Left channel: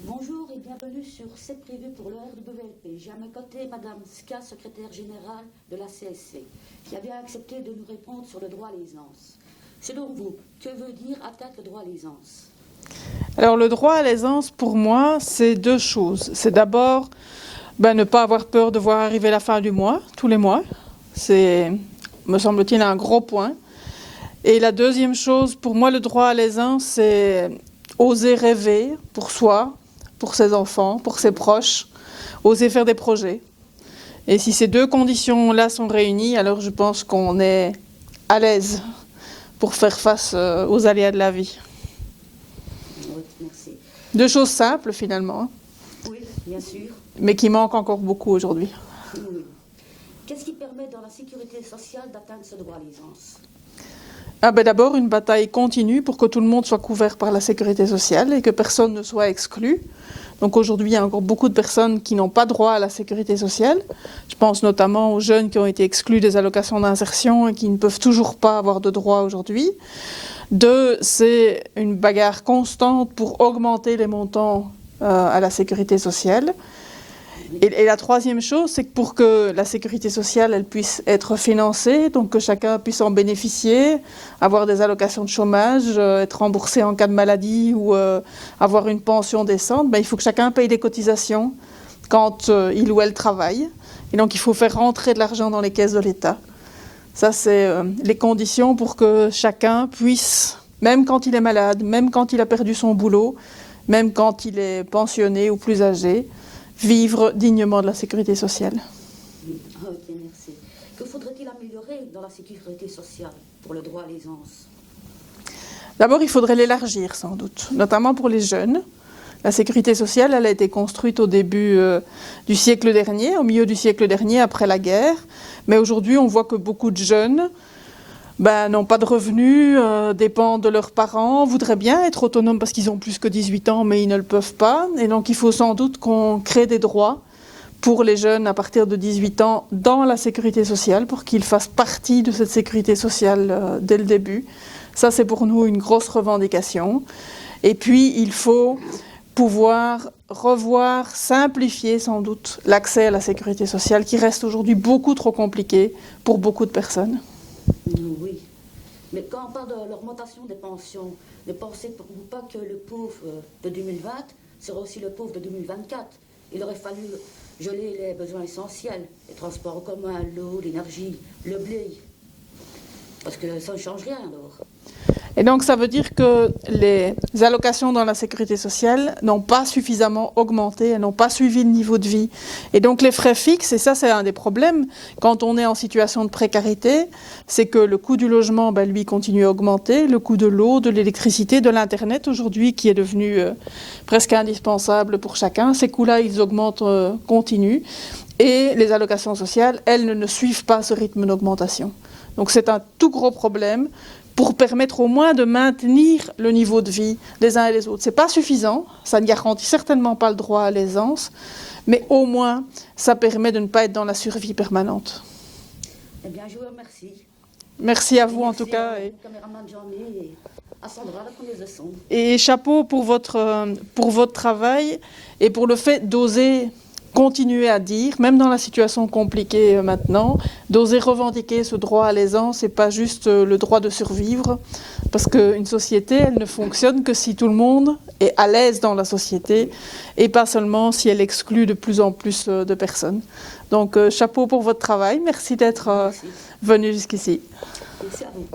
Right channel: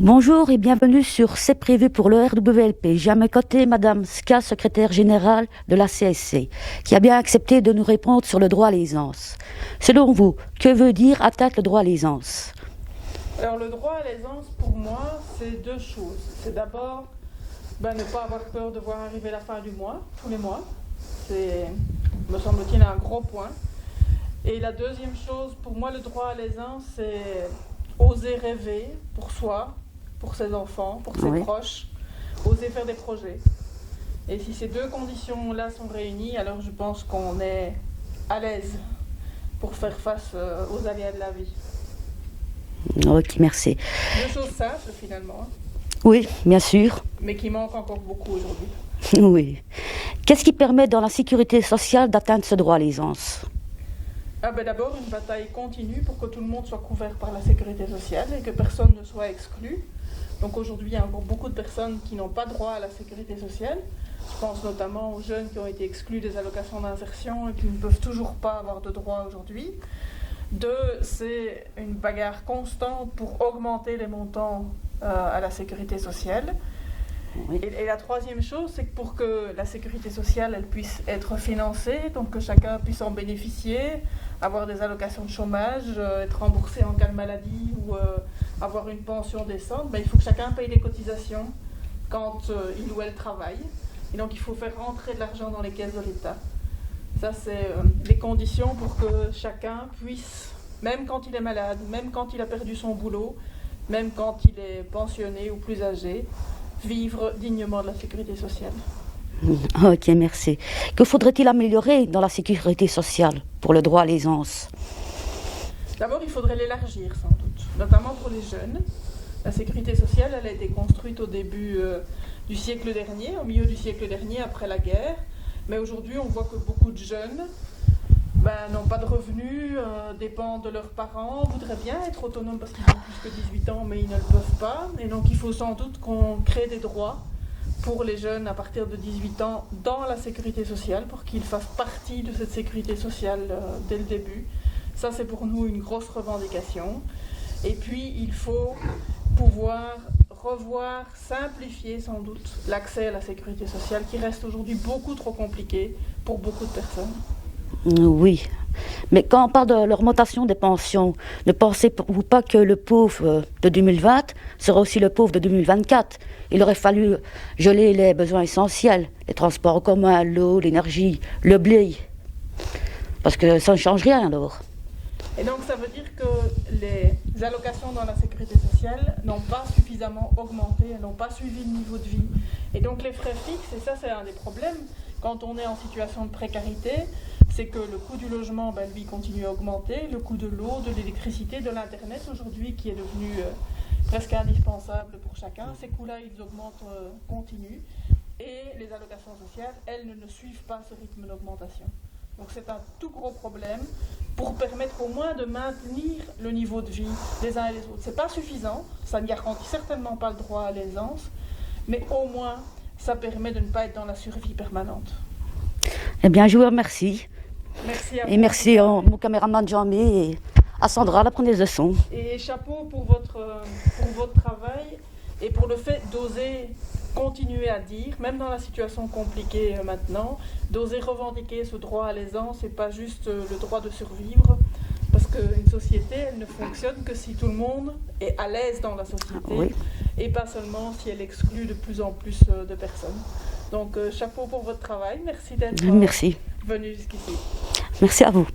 Bonjour et bienvenue sur C'est prévu pour le RWLP. J'ai à mes côtés Madame Ska, secrétaire générale de la CSC, qui a bien accepté de nous répondre sur le droit à l'aisance. Selon vous, que veut dire atteindre le droit à l'aisance? Alors le droit à l'aisance, pour moi, c'est deux choses. C'est d'abord ne pas avoir peur de voir arriver la fin du mois, tous les mois. C'est, me semble-t-il, un gros point. Et la deuxième chose, pour moi, le droit à l'aisance, c'est oser rêver pour soi, pour ses enfants, pour ses proches, oser faire des projets. Et si ces deux conditions-là sont réunies, alors je pense qu'on est à l'aise pour faire face aux aléas de la vie. Ok, merci. Deux choses simples finalement, Oui, bien sûr. mais qui manquent encore beaucoup aujourd'hui. Oui. Qu'est-ce qui permet dans la sécurité sociale d'atteindre ce droit à l'aisance? D'abord, une bataille continue pour que tout le monde soit couvert par la sécurité sociale et que personne ne soit exclu. Donc aujourd'hui, il y a encore beaucoup de personnes qui n'ont pas droit à la sécurité sociale. Je pense notamment aux jeunes qui ont été exclus des allocations d'insertion et qui ne peuvent toujours pas avoir de droit aujourd'hui. Deux, c'est une bagarre constante pour augmenter les montants à la sécurité sociale. Et la troisième chose, c'est que pour que la sécurité sociale elle puisse être financée, donc que chacun puisse en bénéficier, avoir des allocations de chômage, être remboursé en cas de maladie ou avoir une pension décente, il faut que chacun paye des cotisations quand il ou elle travaille. Et donc il faut faire rentrer de l'argent dans les caisses de l'État. Ça, c'est les conditions pour que chacun puisse, même quand il est malade, même quand il a perdu son boulot, même quand il est pensionné ou plus âgé, vivre dignement de la sécurité sociale. Ok, merci. Que faudrait-il améliorer dans la sécurité sociale pour le droit à l'aisance? D'abord, il faudrait l'élargir sans doute, notamment pour les jeunes. La sécurité sociale, elle a été construite au début du siècle dernier, au milieu du siècle dernier, après la guerre. Mais aujourd'hui, on voit que beaucoup de jeunes n'ont pas de revenus, dépendent de leurs parents, voudraient bien être autonomes parce qu'ils ont plus que 18 ans, mais ils ne le peuvent pas. Et donc, il faut sans doute qu'on crée des droits pour les jeunes à partir de 18 ans dans la sécurité sociale, pour qu'ils fassent partie de cette sécurité sociale dès le début. Ça, c'est pour nous une grosse revendication. Et puis, il faut pouvoir revoir, simplifier sans doute l'accès à la sécurité sociale, qui reste aujourd'hui beaucoup trop compliqué pour beaucoup de personnes. Oui, mais quand on parle de l'augmentation des pensions, ne pensez-vous pas que le pauvre de 2020 sera aussi le pauvre de 2024? Il aurait fallu geler les besoins essentiels, les transports en commun, l'eau, l'énergie, le blé, parce que ça ne change rien alors. Et donc ça veut dire que les allocations dans la sécurité sociale n'ont pas suffisamment augmenté, elles n'ont pas suivi le niveau de vie. Et donc les frais fixes, et ça c'est un des problèmes quand on est en situation de précarité, c'est que le coût du logement, lui, continue à augmenter, le coût de l'eau, de l'électricité, de l'Internet aujourd'hui qui est devenu presque indispensable pour chacun, ces coûts-là ils augmentent continu et les allocations sociales, elles ne suivent pas ce rythme d'augmentation. Donc c'est un tout gros problème pour permettre au moins de maintenir le niveau de vie des uns et des autres. Ce n'est pas suffisant, ça ne garantit certainement pas le droit à l'aisance, mais au moins ça permet de ne pas être dans la survie permanente. Eh bien, je vous remercie. Merci à vous. Et merci à mon caméraman Jean-Mi et à Sandra, la preneuse de son. Et chapeau pour votre travail et pour le fait d'oser continuer à dire, même dans la situation compliquée maintenant, d'oser revendiquer ce droit à l'aisance et pas juste le droit de survivre, parce qu'une société, elle ne fonctionne que si tout le monde est à l'aise dans la société, et pas seulement si elle exclut de plus en plus de personnes. Donc chapeau pour votre travail, merci d'être venu jusqu'ici. Merci à vous.